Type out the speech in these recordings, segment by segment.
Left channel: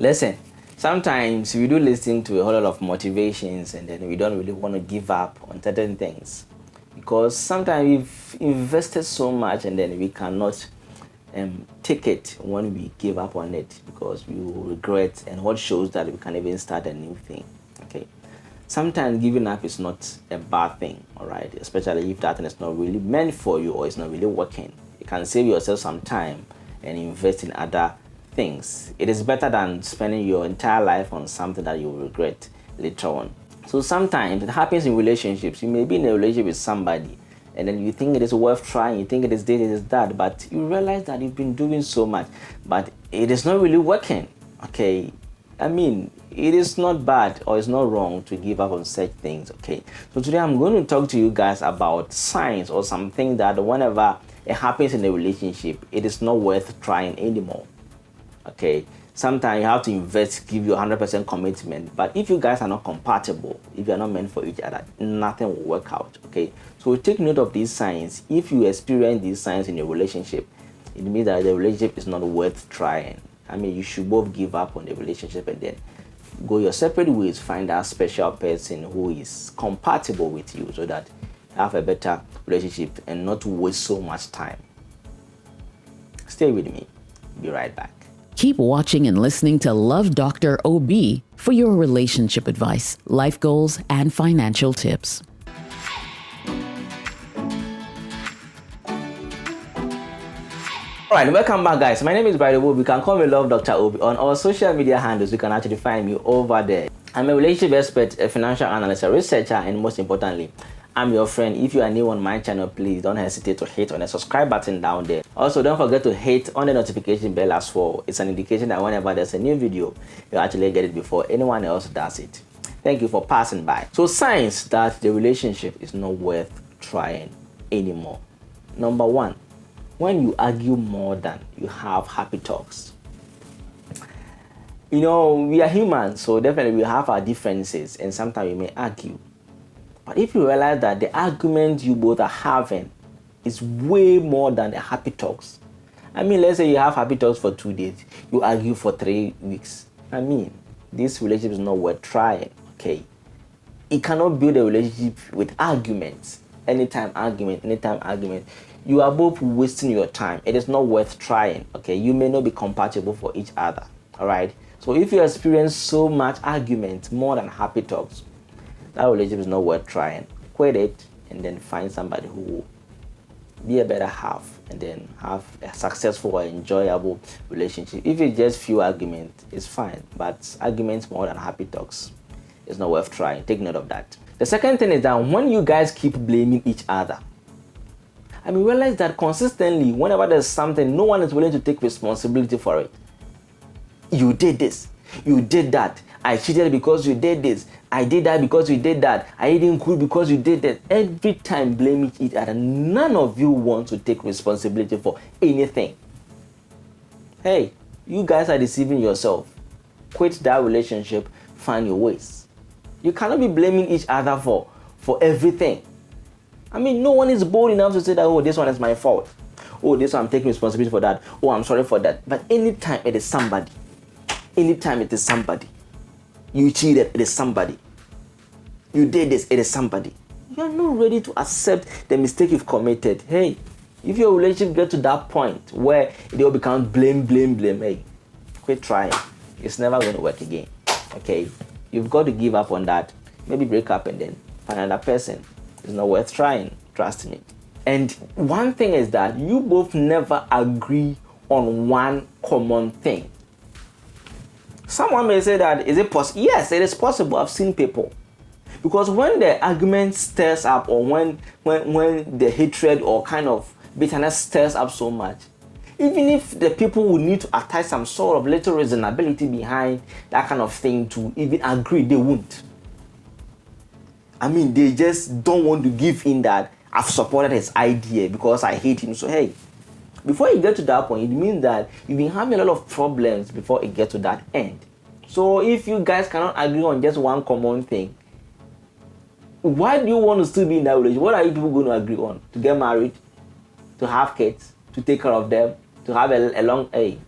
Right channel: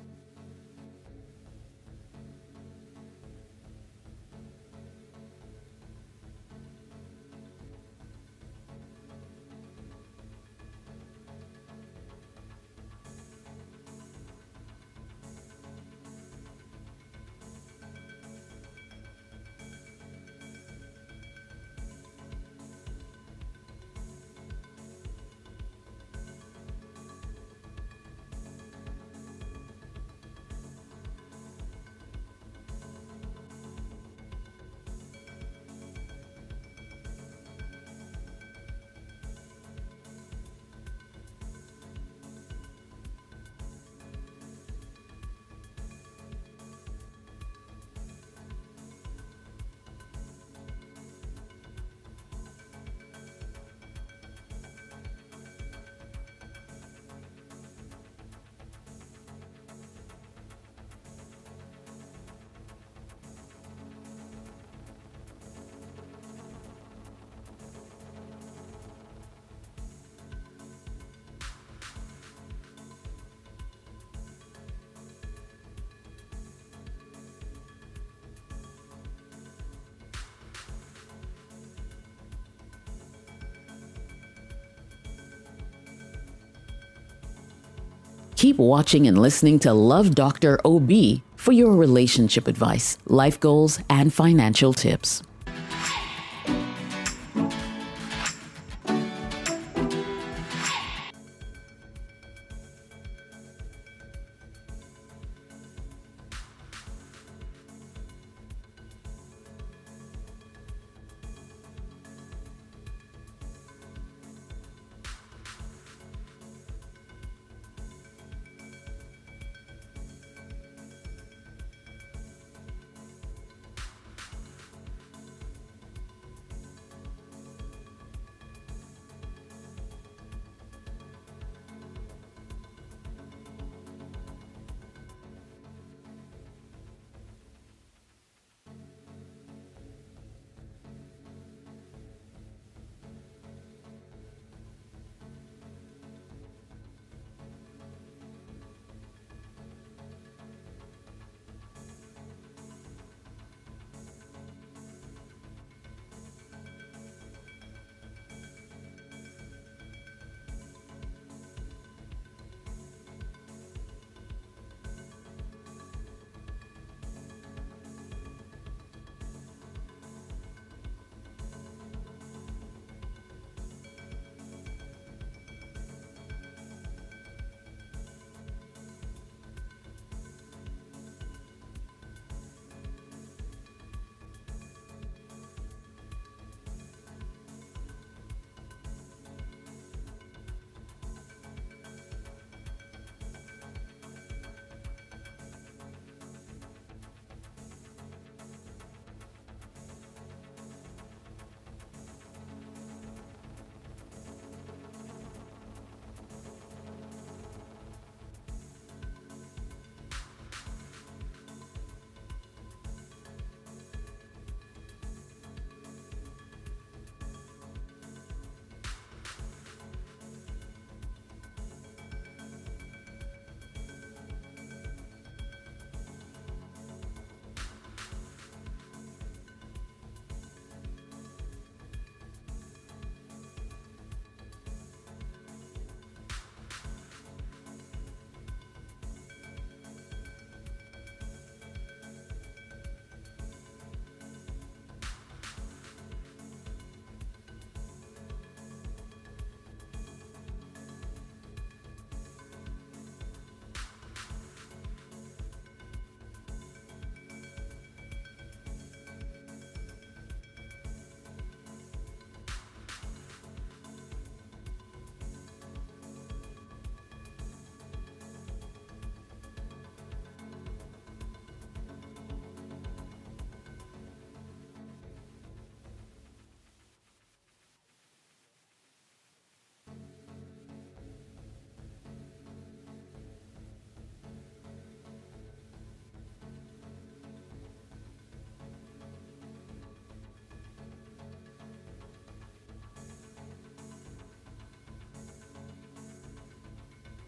Listen, sometimes we do listen to a whole lot of motivations and then we don't really want to give up on certain things because sometimes we've invested so much and then we cannot take it when we give up on it because we will regret, and what shows that we can even start a new thing. Okay, sometimes giving up is not a bad thing, all right, especially if that thing is not really meant for you or it's not really working. You can save yourself some time and invest in other things. It is better than spending your entire life on something that you will regret later on. So sometimes it happens in relationships. You may be in a relationship with somebody and then you think it is worth trying, you think it is this, it is that, but you realize that you've been doing so much, but it is not really working. Okay, I mean, it is not bad or it's not wrong to give up on such things. Okay, so today I'm going to talk to you guys about signs or something that whenever it happens in a relationship, it is not worth trying anymore. Okay, sometimes you have to invest, give you 100% commitment, but if you guys are not compatible, if you are not meant for each other, nothing will work out. Okay, so take note of these signs. If you experience these signs in your relationship, it means that the relationship is not worth trying. I mean, you should both give up on the relationship and then go your separate ways, find that special person who is compatible with you so that you have a better relationship and not waste so much time. Stay with me. Be right back. Keep watching and listening to Love Dr. OB for your relationship advice, life goals, and financial tips. Alright, welcome back, guys. My name is Bride Obi. You can call me Love Dr. Obi. On our social media handles, you can actually find me over there. I'm a relationship expert, a financial analyst, a researcher, and most importantly, I'm your friend. If you are new on my channel, please don't hesitate to hit on the subscribe button down there. Also, don't forget to hit on the notification bell as well. It's an indication that whenever there's a new video, you actually get it before anyone else does it. Thank you for passing by. So, signs that the relationship is not worth trying anymore. Number one, when you argue more than you have happy talks. You know, we are humans, so definitely we have our differences and sometimes we may argue. But if you realize that the argument you both are having is way more than the happy talks. I mean, let's say you have happy talks for 2 days, you argue for 3 weeks. I mean, this relationship is not worth trying, okay? You cannot build a relationship with arguments. Anytime argument. You are both wasting your time. It is not worth trying, okay? You may not be compatible for each other, all right? So if you experience so much argument, more than happy talks, that relationship is not worth trying. Quit it and then find somebody who will be a better half and then have a successful or enjoyable relationship. If it's just few arguments, it's fine, but arguments more than happy talks is not worth trying. Take note of that. The second thing is that when you guys keep blaming each other, I mean, realize that consistently, whenever there's something, no one is willing to take responsibility for it. You did this, you did that, I cheated because you did this, I did that because you did that, I didn't quit because you did that. Every time blaming each other, none of you want to take responsibility for anything. Hey, you guys are deceiving yourself. Quit that relationship, find your ways. You cannot be blaming each other for everything. I mean, no one is bold enough to say that, oh, this one is my fault. Oh, this one I'm taking responsibility for that. Oh, I'm sorry for that. But anytime it is somebody, you cheated, it is somebody. You did this, it is somebody. You are not ready to accept the mistake you've committed. Hey, if your relationship gets to that point where it will become blame, hey, quit trying. It's never going to work again. Okay? You've got to give up on that. Maybe break up and then find another person. It's not worth trying. Trust me. And one thing is that you both never agree on one common thing. Someone may say that, is it possible? Yes, it is possible. I've seen people. Because when the argument stirs up or when the hatred or kind of bitterness stirs up so much, even if the people will need to attach some sort of little reasonability behind that kind of thing to even agree, they won't. I mean, they just don't want to give in that I've supported his idea because I hate him. So, hey, before you get to that point, it means that you've been having a lot of problems before it gets to that end. So if you guys cannot agree on just one common thing, why do you want to still be in that relationship? What are you people going to agree on? To get married? To have kids? To take care of them? To have a long, hey,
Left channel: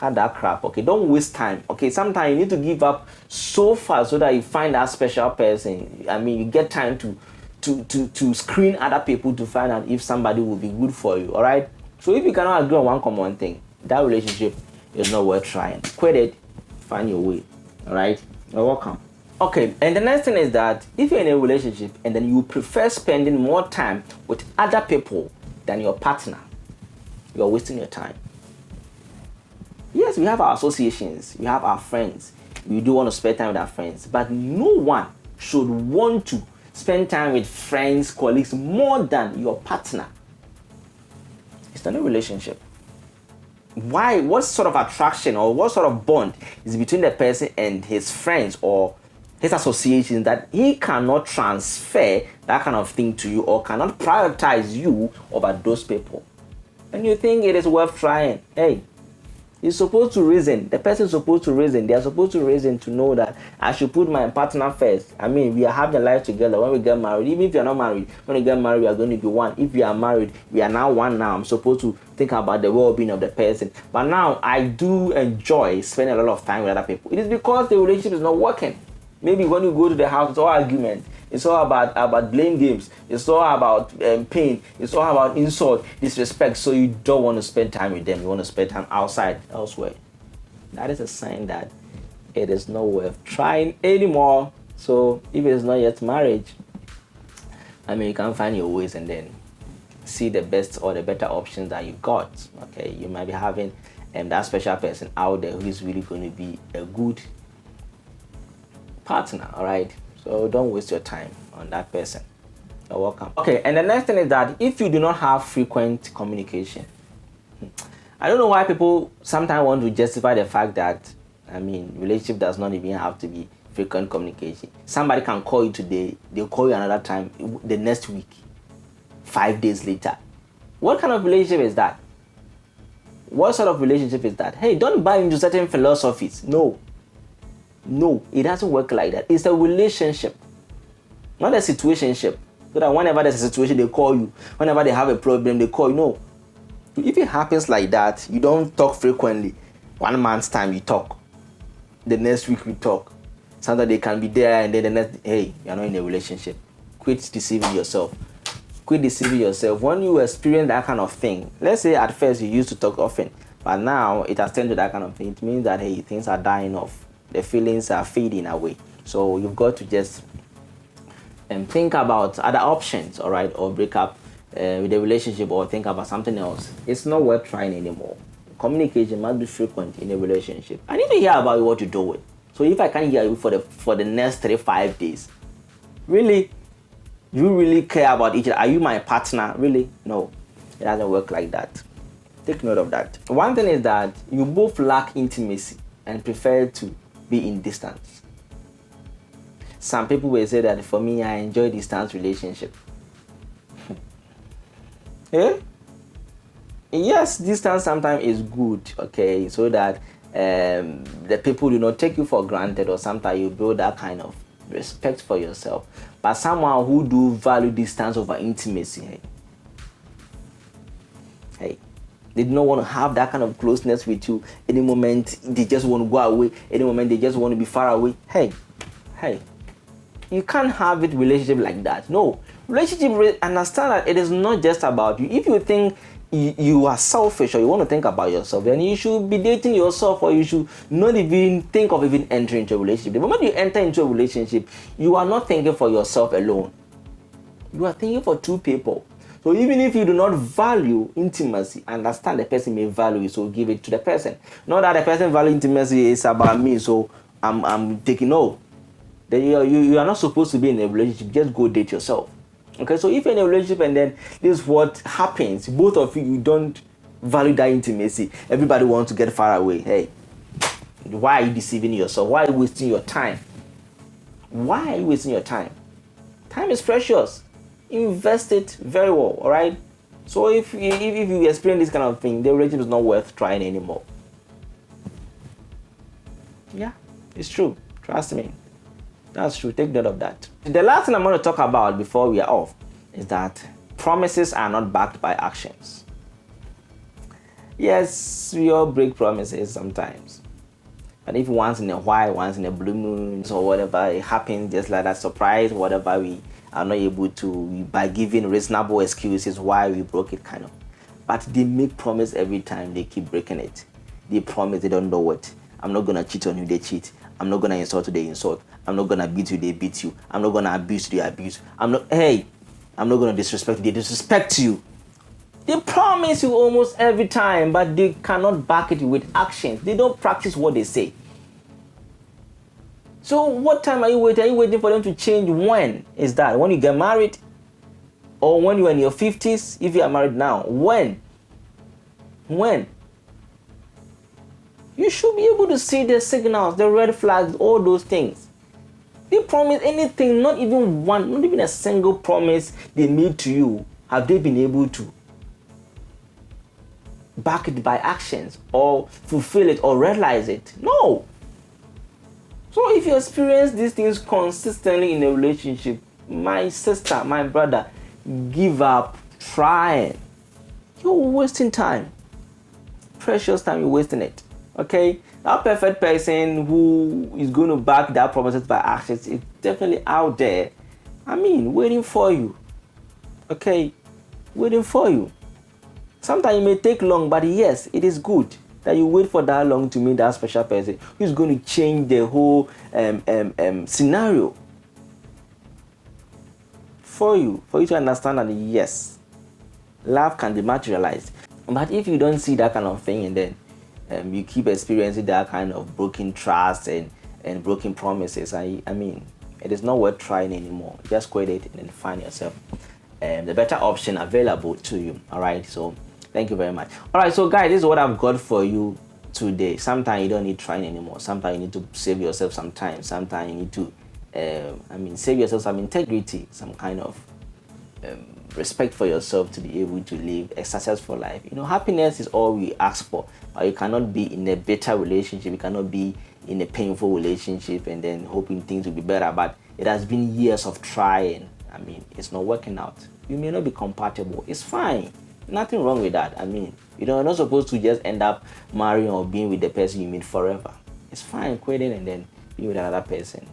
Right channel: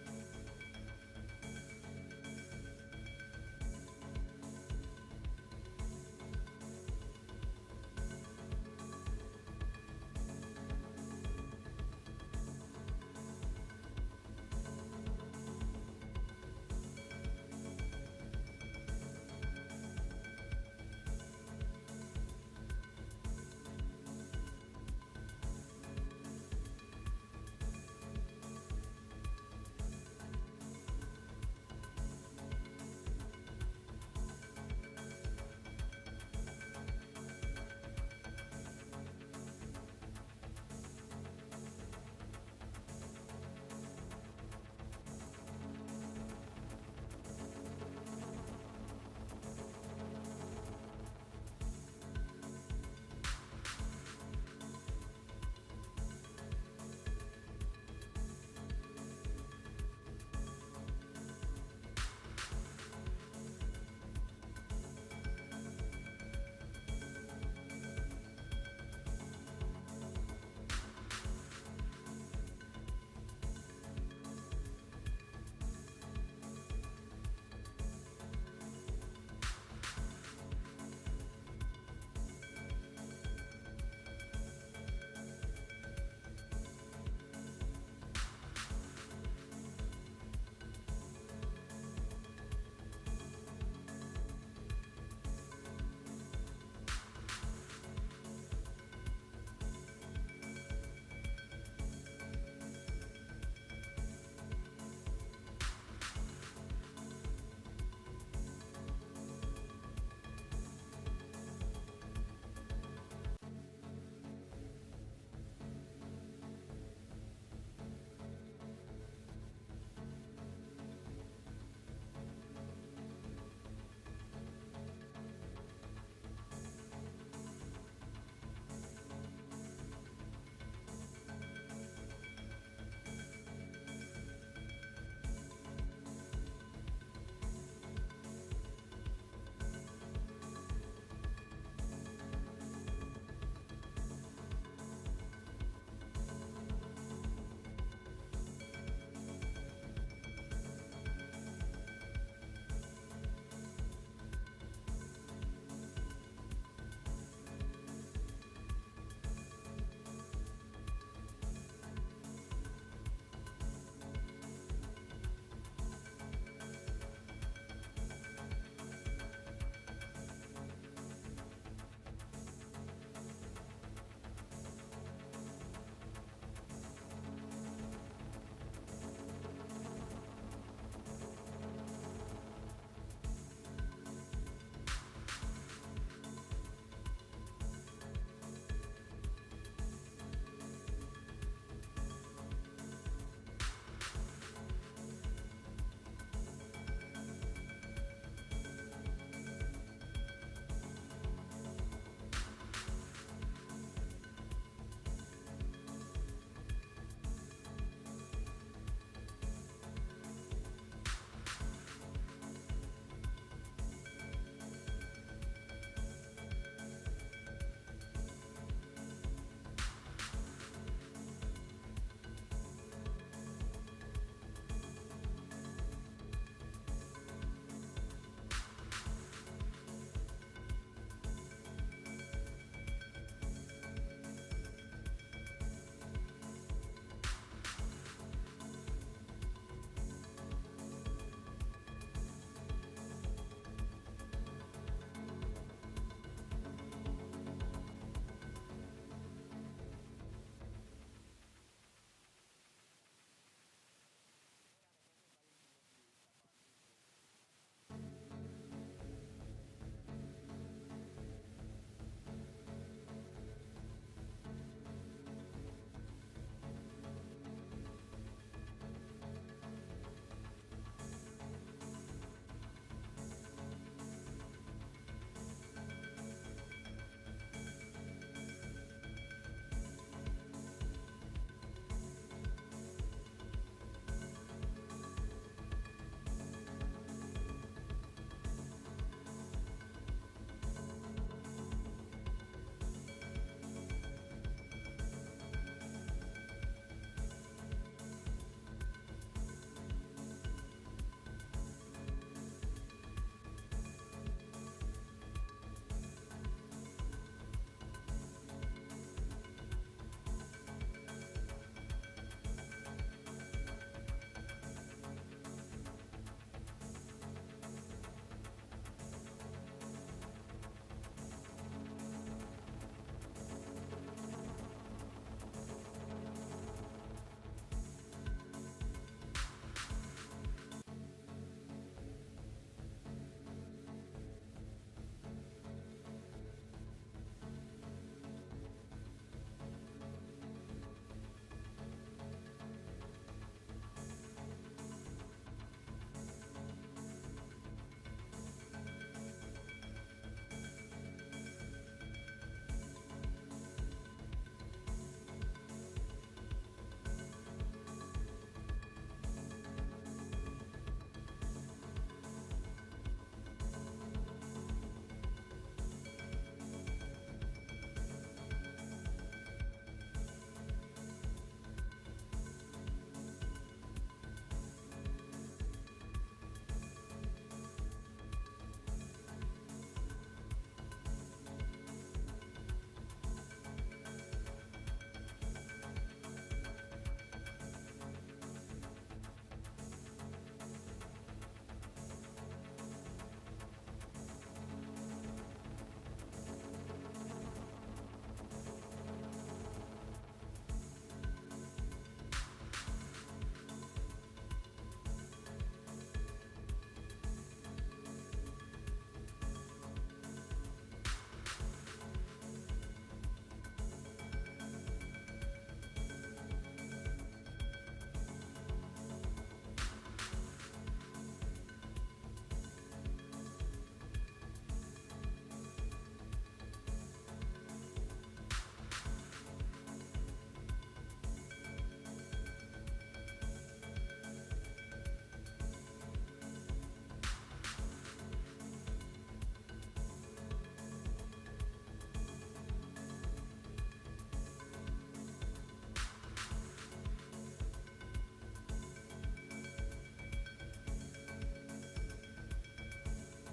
Cut that crap, okay? Don't waste time, okay? Sometimes you need to give up so fast so that you find that special person. I mean, you get time to screen other people to find out if somebody will be good for you, all right? So if you cannot agree on one common thing, that relationship is not worth trying. Quit it, find your way, all right? You're welcome. Okay, and the next thing is that if you're in a relationship and then you prefer spending more time with other people than your partner, you're wasting your time. Yes, we have our associations, we have our friends. We do want to spend time with our friends, but no one should want to spend time with friends, colleagues more than your partner. It's not a relationship. Why? What sort of attraction or what sort of bond is between the person and his friends or his associations that he cannot transfer that kind of thing to you or cannot prioritize you over those people? And you think it is worth trying? Hey, you're supposed to reason. The person is supposed to reason. They are supposed to reason to know that I should put my partner first. I mean, we are having life together. When we get married, even if you're not married, when we get married, we are going to be one. If we are married, we are now one now. I'm supposed to think about the well-being of the person. But now I do enjoy spending a lot of time with other people. It is because the relationship is not working. Maybe when you go to the house, it's all argument. It's all about blame games. It's all about pain. It's all about insult, disrespect. So you don't want to spend time with them. You want to spend time outside, elsewhere. That is a sign that it is not worth trying anymore. So if it is not yet marriage, I mean, you can find your ways and then see the best or the better options that you got. Okay, you might be having that special person out there who is really going to be a good partner. All right. So don't waste your time on that person. You're welcome. Okay, and the next thing is that if you do not have frequent communication, I don't know why people sometimes want to justify the fact that, I mean, relationship does not even have to be frequent communication. Somebody can call you today, they'll call you another time the next week, 5 days later. What kind of relationship is that? What sort of relationship is that? Hey, don't buy into certain philosophies. No, it doesn't work like that. It's a relationship, not a situationship. So that whenever there's a situation, they call you. Whenever they have a problem, they call you. No. If it happens like that, you don't talk frequently. 1 month's time, you talk. The next week, we talk. Sometimes they can be there and then the next, hey, you're not in a relationship. Quit deceiving yourself. Quit deceiving yourself. When you experience that kind of thing, let's say at first you used to talk often, but now it has turned to that kind of thing. It means that, hey, things are dying off. The feelings are fading away. So you've got to just think about other options, all right, or break up with the relationship or think about something else. It's not worth trying anymore. Communication must be frequent in a relationship. I need to hear about what you're doing. So if I can't hear you for the next 3-5 days, really, do you really care about each other? Are you my partner? Really? No, it doesn't work like that. Take note of that. One thing is that you both lack intimacy and prefer to be in distance. Some people will say that for me, I enjoy distance relationship. Yeah? Yes, distance sometimes is good, okay, so that the people do not take you for granted, or sometimes you build that kind of respect for yourself. But someone who do value distance over intimacy, hey, they do not want to have that kind of closeness with you. Any moment they just want to go away. Any moment they just want to be far away. Hey, you can't have a relationship like that. No, relationship, understand that it is not just about you. If you think you are selfish or you want to think about yourself, then you should be dating yourself, or you should not even think of even entering into a relationship. The moment you enter into a relationship, you are not thinking for yourself alone. You are thinking for two people. So even if you do not value intimacy, understand the person may value it, so give it to the person. Not that the person value intimacy is about me, so I'm taking no. You are not supposed to be in a relationship. Just go date yourself. Okay, so if you're in a relationship and then this is what happens, both of you don't value that intimacy. Everybody wants to get far away. Hey, why are you deceiving yourself? Why are you wasting your time? Why are you wasting your time? Time is precious. Invest it very well, all right? So if you experience this kind of thing, the relationship is not worth trying anymore. Yeah, it's true. Trust me. That's true. Take note of that. The last thing I'm going to talk about before we are off is that promises are not backed by actions. Yes, we all break promises sometimes. But if once in a while, once in a blue moon, or whatever, it happens just like that surprise, whatever, we are not able to, by giving reasonable excuses why we broke it, kind of. But they make promise every time, they keep breaking it. They promise, they don't know what. I'm not gonna cheat on you, they cheat. I'm not gonna insult you, they insult. I'm not gonna beat you, they beat you. I'm not gonna abuse you, they abuse. I'm not gonna disrespect you, they disrespect you. They promise you almost every time, but they cannot back it with actions. They don't practice what they say. So what time are you waiting? Are you waiting for them to change? When is that? When you get married? Or when you're in your 50s? If you are married now, when? You should be able to see the signals, the red flags, all those things. They promise anything, not even one, not even a single promise they made to you. Have they been able to back it by actions or fulfill it or realize it? No. So if you experience these things consistently in a relationship, my sister, my brother, give up trying. You're wasting time. Precious time, you're wasting it. Okay? That perfect person who is going to back that promises by actions is definitely out there. Waiting for you. Okay? Waiting for you. Sometimes it may take long, but yes, it is good that you wait for that long to meet that special person who's going to change the whole scenario for you to understand that yes, love can be materialized. But if you don't see that kind of thing and then you keep experiencing that kind of broken trust and broken promises, it is not worth trying anymore. Just quit it and find yourself the better option available to you. All right, so thank you very much. All right, so guys, this is what I've got for you today. Sometimes you don't need trying anymore. Sometimes you need to save yourself some time. Sometimes you need to save yourself some integrity, some kind of respect for yourself to be able to live a successful life. Happiness is all we ask for. You cannot be in a better relationship. You cannot be in a painful relationship and then hoping things will be better. But it has been years of trying. It's not working out. You may not be compatible. It's fine. Nothing wrong with that. You're not supposed to just end up marrying or being with the person you meet forever. It's fine quitting and then being with another person.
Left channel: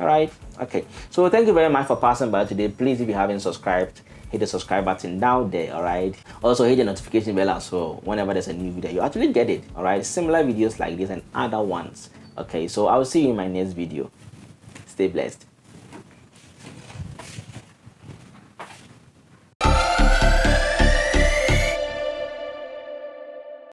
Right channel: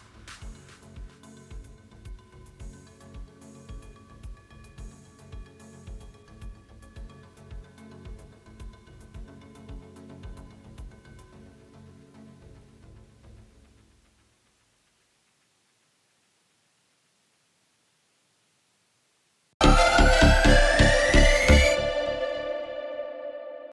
All right. Okay. So thank you very much for passing by today. Please, if you haven't subscribed, hit the subscribe button down there. All right. Also hit the notification bell as well. Whenever there's a new video, you actually get it. All right. Similar videos like this and other ones. Okay. So I'll see you in my next video. Stay blessed.